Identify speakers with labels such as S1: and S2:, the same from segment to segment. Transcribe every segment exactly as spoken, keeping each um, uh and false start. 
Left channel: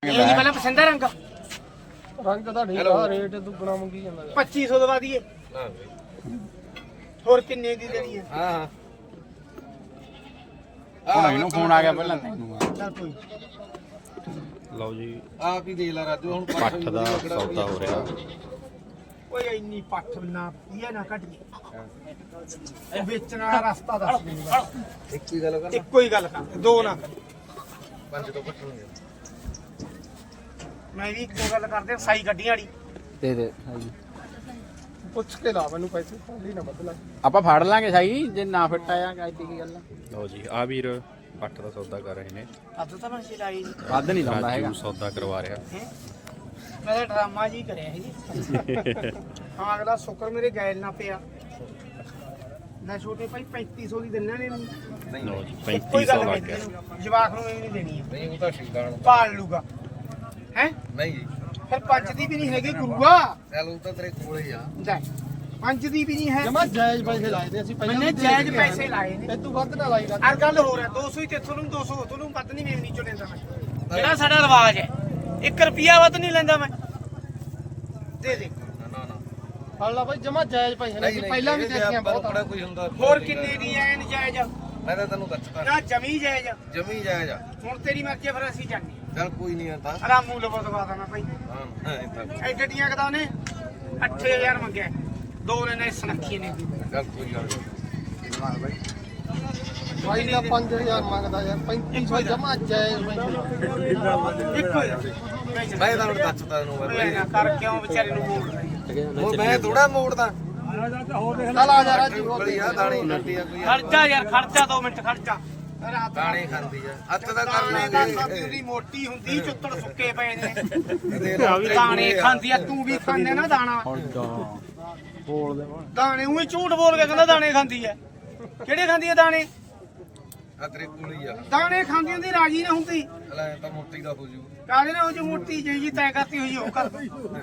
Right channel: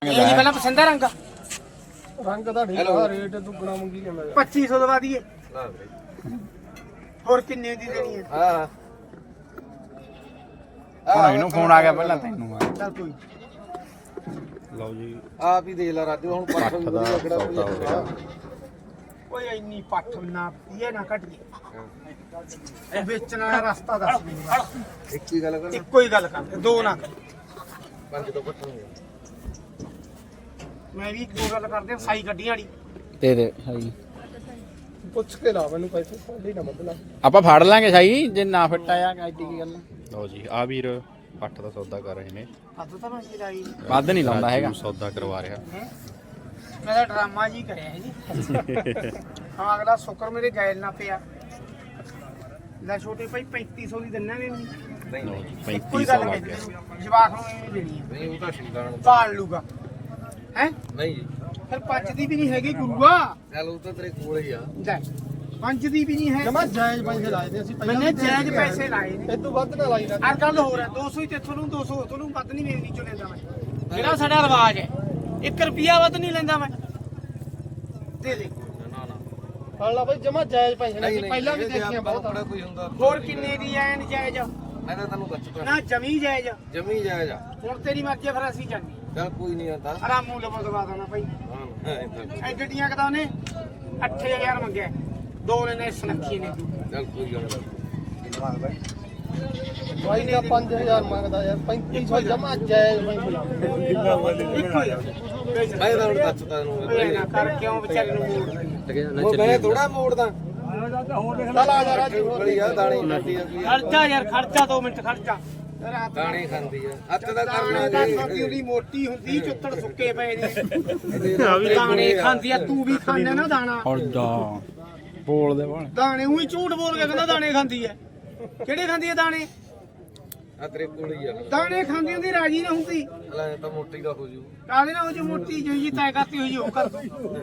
S1: ਇਹ ਨਹੀਂ ਪਹਿਲਾਂ ਪਸੰਦ ਆ ਰੰਗ
S2: ਰੰਗ ਦਾ ਠੀਕ ਆ ਰੇਟ ਦੁੱਗਣਾ ਮੰਗੀ ਜਾਂਦਾ ਯਾਰ
S1: ਪੱਚੀ ਸੌ ਦਵਾ ਦਈਏ ਹੋਰ ਕਿੰਨੇ ਦੀ ਦੇਣੀ ਹੈ
S3: ਹਾਂ
S4: ਆ ਮੈਨੂੰ ਫੋਨ ਆ ਗਿਆ ਪਹਿਲਾਂ ਤੈਨੂੰ
S1: ਚੱਲ ਕੋਈ
S4: ਲਓ ਜੀ
S3: ਆਪ ਹੀ ਦੇ ਲੈ ਰਾਜੂ ਹੁਣ
S4: ਪੱਠ ਦਾ ਸੌਦਾ ਹੋ ਰਿਹਾ
S1: ਓਏ ਇੰਨੀ ਪੱਠ ਨਾ ਇਹ ਨਾ ਕੱਢ ਗਈ ਇਹ ਵੇਚਣ ਵਾਲਾ ਰਸਤਾ ਦੱਸ ਮੈਨੂੰ
S3: ਇੱਕ ਹੀ ਗੱਲ ਕਰ
S1: ਇੱਕੋ ਹੀ ਗੱਲ ਕਰ ਦੋ ਨਾ ਕਰ
S3: ਪੰਜ ਤੋਂ ਪੱਠਣਗੇ
S1: ਮੈਂ ਵੀ ਇੱਕੋ ਗੱਲ ਕਰਦੇ ਸਾਈ ਗੱਡੀਆਂ ਵਾਲੀ
S4: ਦੇ ਦੇ
S2: ਪੁੱਛ ਕੇ ਲਾ ਮੈਨੂੰ ਪੈਸੇ ਸਾਡੀ ਨਾ ਬਦਲਾ
S4: ਆਪਾਂ ਫੜ ਲਾਂਗੇ ਸਾਈ ਜੇ ਨਾ ਫਿੱਟ ਆਇਆ ਐਡੀ ਕੀ ਗੱਲ ਲਓ ਜੀ ਆ ਵੀਰ ਪੱਠ ਦਾ ਸੌਦਾ ਕਰ ਰਹੇ ਨੇ
S1: ਅੱਜ ਤਾਂ ਮੈਂ ਲਾਈ
S4: ਵੱਧ ਨਹੀਂ ਲਾਉਂਦਾ ਹੈਗਾ ਸੌਦਾ ਕਰਵਾ ਰਿਹਾ
S1: ਮੈਂ ਤਾਂ ਡਰਾਮਾ ਜੀ ਕਰਿਆ ਹੈ ਜੀ ਹਾਂ ਅਗਲਾ ਸ਼ੁਕਰ ਮੇਰੇ ਗੈਲ ਨਾ ਪਿਆ ਲੈ ਛੋਟੇ ਭਾਈ ਪੈਂਤੀ ਸੌ ਦੀ ਦਿੰਨੇ ਨੇ
S4: ਲਓ ਜੀ ਪੈਂਤੀ ਸੌ ਲੱਗ ਗਿਆ
S1: ਜਵਾਕ ਨੂੰ ਇਹ ਨਹੀਂ ਦੇਣੀ ਹੈ
S3: ਨਹੀਂ ਉਹ ਤਾਂ ਸ਼ੀਦਾਂ ਨੂੰ
S1: ਪਾਲ ਲੂਗਾ ਹੈ
S3: ਨਹੀਂ
S1: ਫਿਰ ਪੰਜ ਦੀ ਵੀ ਨਹੀਂ ਹੈਗੀ ਗੁਰੂਆ
S3: ਚੱਲ ਉਹ ਤਾਂ ਤੇਰੇ ਕੋਲ ਹੀ ਆ
S1: ਲੈ ਪੰਜ ਦੀ ਵੀ ਨਹੀਂ ਹੈ
S2: ਜਮਾ ਜਾਇਜ਼ ਪੈਸੇ ਲਾਏ ਤੇ ਅਸੀਂ
S1: ਮੈਨੇ ਜਾਇਜ਼ ਪੈਸੇ ਲਾਏ ਨੇ
S2: ਇਹ ਤੋਂ ਵੱਧ ਨਾ ਲਾਈ
S1: ਹਰ ਗੱਲ ਹੋਰ ਹੈ ਦੋ ਸੌ ਹੀ ਤੇਥੋਂ ਨੂੰ ਦੋ ਸੌ ਉਥੋਂ ਨੂੰ ਵੱਧ ਨਹੀਂ ਮੇਵਨੀ ਚੋਂ ਲੈਂਦਾ ਮੈਂ ਜਿਹੜਾ ਸਾਡਾ ਰਿਵਾਜ ਹੈ ਇੱਕ ਰੁਪਿਆ ਵੱਧ ਨਹੀਂ ਲੈਂਦਾ ਮੈਂ ਦੇ ਦੇ
S3: ਨਾ ਨਾ
S2: ਫੜ ਲਾ ਬਾਈ ਜਮਾ ਜਾਇਜ਼ ਪੈਸੇ ਨੇ ਪਹਿਲਾਂ ਵੀ ਦੇਖਿਆ ਬਹੁਤ
S3: ਬੜਾ ਕੋਈ ਹੁੰਦਾ
S1: ਹੋਰ ਕਿੰਨੇ ਦੀ ਐ ਨਜਾਇਜ਼
S3: ਮੈਂ ਤਾਂ ਤੈਨੂੰ ਦੱਸਦਾ
S1: ਨਾ ਜਮੀ ਜਾਇਜ਼
S3: ਜਮੀ ਜਾਇਜ਼ ਆ
S1: ਹੁਣ ਤੇਰੀ ਮਰਜ਼ੀ ਫਿਰ ਅਸੀਂ ਜਾਂਦੇ
S3: ਚੱਲ ਕੋਈ ਨਹੀਂ ਆਂਦਾ
S1: ਆਰਾਮੂ ਲਵੋ ਦਵਾ ਦੇਣਾ ਭਾਈ
S3: ਹਾਂ ਇਦਾਂ
S1: ਐ ਗੱਡੀਆਂ ਕਦਾ ਉਹਨੇ ਅੱਠ ਹਜ਼ਾਰ ਮੰਗਿਆ ਦੋ ਨੇ ਨੇ ਸੁਨੱਖੀ ਨੇ
S3: ਚੱਲ ਕੋਈ ਗੱਲ ਨਹੀਂ
S2: ਬਾਈ ਦਾ ਪੰਜ ਹਜ਼ਾਰ ਮੰਗਦਾ ਯਾਰ ਪੈਂਤੀ ਸੌ ਜਮਾ ਜਾਇਜ਼ ਪੈਸੇ
S1: ਇੱਕੋ ਹੀ
S3: ਮੈਂ ਤਾਂ ਹੁਣ ਦੱਸਦਾ ਤੈਨੂੰ
S1: ਓਏ ਨਾ ਕਰ ਕਿਉਂ ਵਿਚਾਰੇ ਨੂੰ ਮੋੜ
S3: ਉਹ ਮੈਂ ਥੋੜਾ ਮੋੜਦਾ
S2: ਚੱਲ ਆ ਜਾ ਰਾਜੂ
S3: ਬੜੀਆ ਦਾਣੇ ਖਾਂਦੀ ਆ ਕੋਈ
S1: ਖਰਚਾ ਯਾਰ ਖਰਚਾ ਦੋ ਮਿੰਟ ਖਰਚਾ
S3: ਦਾਣੇ ਖਾਂਦੀ ਆ ਹੱਥ ਦਾ ਕਰ
S1: ਦਾਣੇ ਦਾ ਸਾਡੀ
S3: ਲਾਂਗੇ
S1: ਉਹਦੀ ਮੋਟੀ ਹੁੰਦੀ ਚੁੱਤੜ ਸੁੱਕੇ ਪਏ ਨੇ
S3: ਦੇ ਲਾ ਤੇਰੇ
S1: ਦਾਣੇ
S3: ਕੋਲੇ ਆ।
S1: ਖਾਂਦੀ ਆ ਤੂੰ ਵੀ ਖਾਂਦੇ ਨਾ ਦਾਣਾ
S4: ਹੁਣ ਦਾ ਬੋਲ ਦੇ ਬਣ
S1: ਦਾਣੇ ਉਹੀ ਝੂਠ ਬੋਲ ਕੇ ਕਹਿੰਦਾ ਦਾਣੇ ਖਾਂਦੀ ਐ ਕਿਹੜੇ ਖਾਂਦੀ ਐ ਦਾਣੇ
S3: ਆ ਤੇਰੇ ਕੋਲ ਹੀ ਆ
S1: ਦਾਣੇ ਖਾਂਦੀ ਹੁੰਦੀ ਰਾਜੀ ਨਾ ਹੁੰਦੀ
S3: ਲੈ ਤਾਂ ਮੋਟੀ ਦਾ ਹੋ ਜੂ
S1: ਕਾਹਦੇ ਨਾਲ ਉਹ ਜੋ ਮੋਟੀ ਜਿਹੀ ਜੀ ਤੈਅ ਕਰਤੀ ਹੋਈ ਉਹ ਕਰ ਦੋ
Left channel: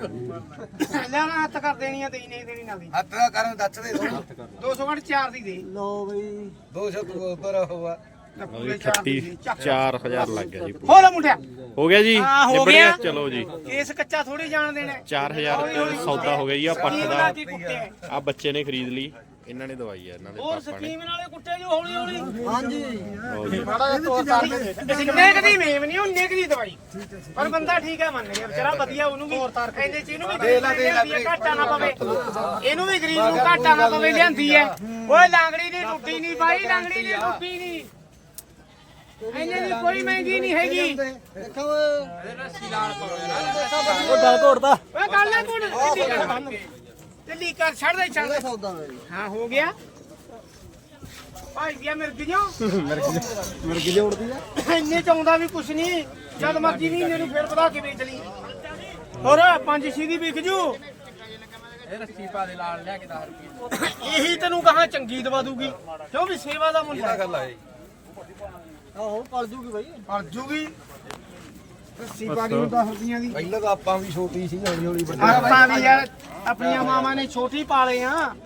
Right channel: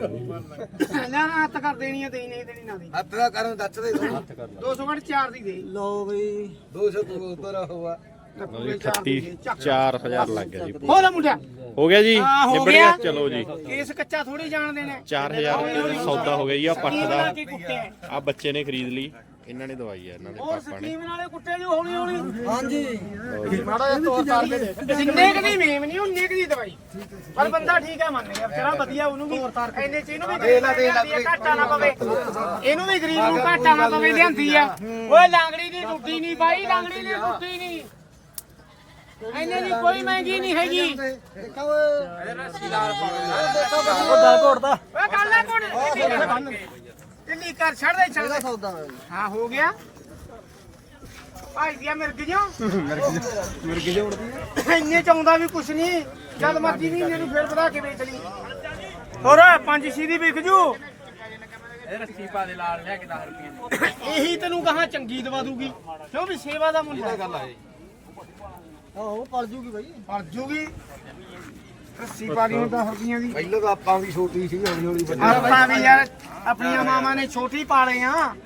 S1: ਲੈ ਹੱਥ ਕਰ ਦੇਣੀ ਆ ਦੇਈ ਨਹੀਂ ਦੇਣੀ ਨਾ ਦੀ
S3: ਹੱਥ ਦਾ ਕਰਨ ਦੱਸ ਦੇ ਤੂੰ
S1: ਦੋ ਸੌ ਘੱਟ ਚਾਰ ਦੀ ਦੇ
S2: ਲਓ ਬਈ
S3: ਦੋ ਸੌ ਉਧਰ ਹੋਵਾ
S4: ਲਓ ਜੀ ਅਠੱਤੀ ਚਾਰ ਹਜ਼ਾਰ ਲੱਗ ਗਿਆ ਜੀ
S1: ਹੋ ਲੈ ਮੁੰਡਿਆ
S4: ਹੋ ਗਿਆ ਜੀ
S1: ਹਾਂ, ਹੋ
S4: ਨਿਬੜ
S1: ਗਿਆ।
S4: ਗਿਆ ਚਲੋ ਜੀ
S1: ਇਸ ਕੱਚਾ ਥੋੜੀ ਜਾਣ ਦੇਣਾ
S4: ਚਾਰ ਹਜ਼ਾਰ ਰੁਪਏ ਸੌਦਾ ਹੋ ਗਿਆ ਜੀ ਆ ਪੱਠ
S1: ਸਕੀਮ
S4: ਦਾ
S1: ਨਾਲ ਕੀ ਕੁੱਟੇ
S4: ਆ ਬੱਚੇ ਨੇ ਖਰੀਦ ਲਈ ਇਹਨਾਂ ਨੇ ਦਵਾਈ ਆ ਇਹਨਾਂ ਦੇ
S1: ਹੋਰ
S4: ਪਾਪਾ ਨੇ
S1: ਸਕੀਮ ਨਾਲੇ ਕੁੱਟੇ ਜੋ ਹੌਲੀ ਹੌਲੀ
S4: ਲਓ ਜੀ
S2: ਮਾੜਾ ਜਿਹਾ ਤੋਰ ਤਾਰ ਕੇ ਦੇ
S1: ਜਿੰਨੇ ਕਦੀ ਮੇਮ ਨਹੀਂ ਉਹਨੇ ਕਦੀ ਦਵਾਈ ਪਰ ਬੰਦਾ ਠੀਕ ਹੈ ਮੰਨ ਗਿਆ ਵਿਚਾਰਾ ਵਧੀਆ ਉਹਨੂੰ ਵੀ ਇਹਦੇ ਚ ਇਹਨੂੰ ਵੀ
S3: ਦੇ ਲਾ, ਦੇ ਲਾ,
S1: ਘਾਟਾ ਨਾ ਪਵੇ ਇਹਨੂੰ ਵੀ ਗਰੀਬ ਨੂੰ ਘਾਟਾ ਨਾ ਪਵੇ ਲਿਆਂਦੀ ਹੈ ਓਏ ਲਾਂਗੜੀ ਦੀ ਟੁੱਟੀ ਨਹੀਂ ਬਾਈ ਲਾਂਗੜੀ ਦੀ ਟੁੱਟੀ ਨਹੀਂ ਇਹਨੇ ਦੀ ਕੋਈ ਮਹਿੰਗੀ ਨਹੀਂ ਹੈਗੀ
S2: ਦੇਖੋ ਉਹ ਦਾ ਤੋੜਦਾ
S1: ਓਏ ਕਾਲਾ ਕੋਣ ਜਲਦੀ ਕਰ ਛੱਡ ਦੇ ਛੱਡ ਦੇ
S2: ਸੌਦਾ
S1: ਹਾਂ ਹੋ ਗਿਆ ਭਾਈ ਗਿਆ ਮਿਲ ਗਿਓ
S2: ਮਿਰਗੀ ਜੋੜਦੀ ਆ
S1: ਇੰਨੇ ਚ ਆਉਂਦਾ ਵੀ ਕੁਛ ਨਹੀਂ ਜਦ ਮਰਜੀ ਵੀ ਇਹਨੂੰ ਫੇਰ ਵਧਾ ਕੇ ਵੇਚ ਲਈ ਹੋਰ ਪੰਜ ਛੇ ਦੀ ਵਿਕ ਜੂ ਇਹ ਰੱਸੀ ਪਾ ਦੇ ਲਾਲ ਲੈ ਕੇ ਦਸ ਰੁਪਏ ਇਹੀ ਤੈਨੂੰ ਕਹਾਂ ਚੰਗੀ ਦਵਾ ਦੂਗੀ ਕਿਉਂ ਵੀ ਸੇਵਾ ਦਾ ਮੁੱਲ ਹੈ
S3: ਗੱਲ ਆ ਜੀ
S2: ਆਹੋ ਪੜ ਜੂਗੀ ਬਾਈ
S1: ਪੜ ਜੂਗੀ ਰੱਸੀ ਪਾ ਦੀ ਹੁਣ ਦਸ ਰੁਪਈਆਂ ਦੀ
S3: ਪਹਿਲਾਂ ਤਾਂ ਆਪਾਂ ਵੀ ਛੋਟੀ ਸੀ ਹੌਲੀ ਹੌਲੀ ਵੱਡੀ
S1: ਆਪਾਂ ਵੀ ਯਾਰ ਆਪਣੀਆਂ ਮਾਵਾਂ ਨੇ ਛੋਟੀ ਪਾਲੇ ਆ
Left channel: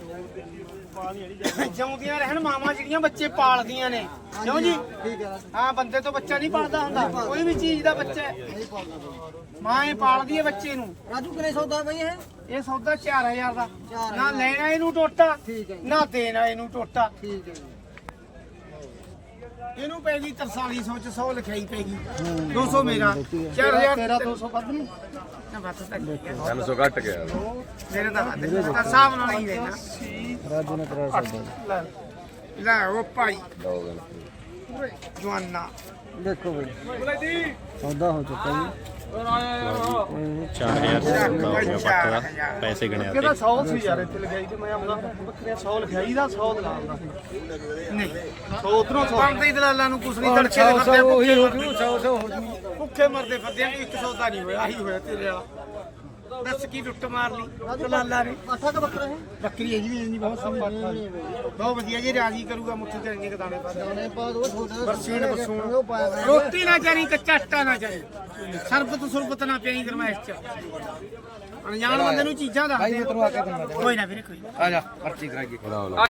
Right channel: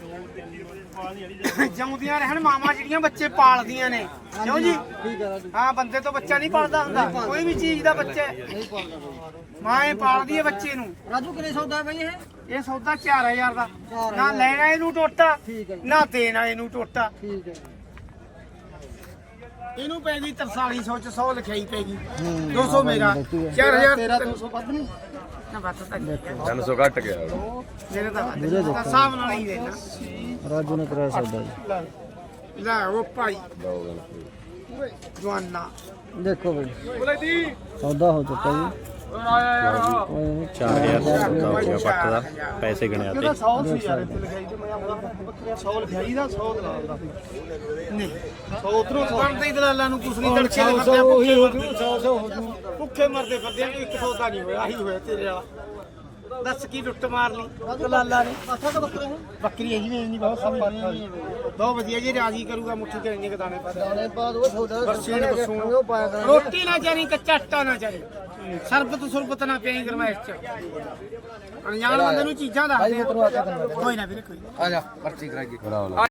S1: ਜਿਉਂਦੀਆਂ ਰਹਿਣ ਮਾਵਾਂ ਜਿਹੜੀਆਂ ਬੱਚੇ ਪਾਲਦੀਆਂ ਨੇ ਕਿਉਂ ਜੀ ਹਾਂ ਬੰਦੇ ਤੋਂ ਬੱਚਾ ਨਹੀਂ ਪਾਲਦਾ ਹੁੰਦਾ ਕੋਈ ਵੀ ਚੀਜ਼ ਦਾ ਬੱਚਾ ਮਾਂ ਇਹ ਪਾਲਦੀ ਹੈ ਬੱਚੇ ਨੂੰ
S2: ਰਾਜੂ ਕਿੰਨੇ ਸੌਦਾ ਬਾਈ ਇਹ
S1: ਇਹ ਸੌਦਾ ਚਾਰ ਹਜ਼ਾਰ ਦਾ ਨਾ ਲੈਣਾ ਇਹਨੂੰ ਟੋਟਾ ਨਾ ਦੇਣਾ ਇਹਨੂੰ ਟੋਟਾ
S2: ਠੀਕ ਹੈ
S1: ਇਹਨੂੰ ਪੈ ਗਈ ਤਰਤਾਲੀ ਸੌ ਚ ਸੌ ਲਿਖਾਈ ਪੈ ਗਈ ਦੋ ਸੌ ਮੇਰਾ ਚਾਰ ਹਜ਼ਾਰ
S2: ਤੇਰਾ ਦੋ ਸੌ ਵੱਧ ਨਹੀਂ
S1: ਨਾ ਬਾਤ ਤਾਂ
S3: ਤਿੰਨ ਸੌ ਘੱਟ ਗਿਆ
S1: ਮੇਰੇ ਦਾ ਵੱਧ ਤਾਂ ਹਿਸਾਬ ਨਾਲ ਹੀ ਦੇਣਾ
S2: ਰਾਜੂ ਨੇ ਕਰਾਇਆ ਸੌਦਾ
S1: ਲੈ ਲੈ ਉਹ ਭਾਈ ਜਵਾਨਾ
S2: ਦੇਖੋ ਬਾਈ ਸੌਦਾ ਹੋ ਚੁੱਕਾ ਜੀ
S4: ਚਾਰ ਹਜ਼ਾਰ ਦਾ ਸੌਦਾ ਹੋ ਗਿਆ ਪੱਠ ਦਾ ਪੈਸੇ ਗਣਿਆ
S2: ਕਿਹਦਾ
S4: ਤੇ
S2: ਸੌ ਸੀ ਯਾਰ ਇੱਥੇ ਲਿਖਾਈ ਤੇ ਮੈਂ ਆਉਂਦਾ ਬੱਕਰੀਆਂ ਸੌ ਲਿਖਾਈ ਦਾ ਸੌ ਦਾ ਆਉਂਦਾ
S1: ਨਹੀਂ
S2: ਸੌ ਉਧਰੋਂ ਸੌ
S1: ਬਣਦੇ ਹੀ ਦਲਾਲਾਂ ਨੂੰ ਕੁਛ ਨਹੀਂ ਤੜਕੇ
S2: ਸੌ
S1: ਦੇ
S2: ਸੌ
S1: ਫਿਰਦੇ ਆ,
S2: ਉਹੀ ਹੋ
S1: ਭੁੱਖੇ
S2: ਜੂ ਸੌ ਸੌ ਹੋ ਜੂ
S1: ਭੁੱਖੇ ਮਰਦੇ ਫਿਰਦੇ ਆ, ਕੋਈ ਇੱਕ ਸੌਦਾ ਨਹੀਂ ਹੋਇਆ ਆਹੀ ਹੋਇਆ ਤੇਰੇ ਵਾਲਾ ਦੱਸ ਕੀ ਲੁੱਟ ਮਾਰ ਲਈ ਦਲਾਲਾਂ ਨੇ
S2: ਪਾਠਾ ਤਾਂ ਬੱਕਰੇ ਨੇ
S1: ਬੱਕਰੀ ਇਹੀ ਵੇਚਣੀ ਬਹੁਤ ਸੌਖੀ ਬਹੁਤ ਵਧੀਆ ਜੀ ਰਾਜੀ ਕਰੂਗਾ ਮੁੱਠੀ ਤੇ ਇੰਨੇ ਕਦਾਣੇ ਪਾ ਦੇ
S2: ਦਾਣੇ ਪਾ ਦੋ ਸੌਦਾ
S1: ਬਰਸੀਨ ਬਸੂਣ
S2: ਉਹ ਪਾਇਆ ਦਾ
S1: ਰੋਟੀ ਨਾ ਚਾਰੀ ਕੱਚਾ ਆਟਾ ਨਾ ਚਾਰੀ ਸਰਬਤ ਸੁਰਬਤ ਨਾ ਪਿਆਈ ਗਰਮਾਇਸ਼ ਚ ਅਣਜਾਣ ਬੰਦੇ ਨੂੰ ਚੀਜ਼ਾਂ ਦੱਸਦੇ ਆ। ਕੋਈ ਨਾ ਵੀਰੇ ਕੋਈ ਨਾ
S3: ਆ ਜਾ ਪਰਚੀ ਕਰਾਈਏ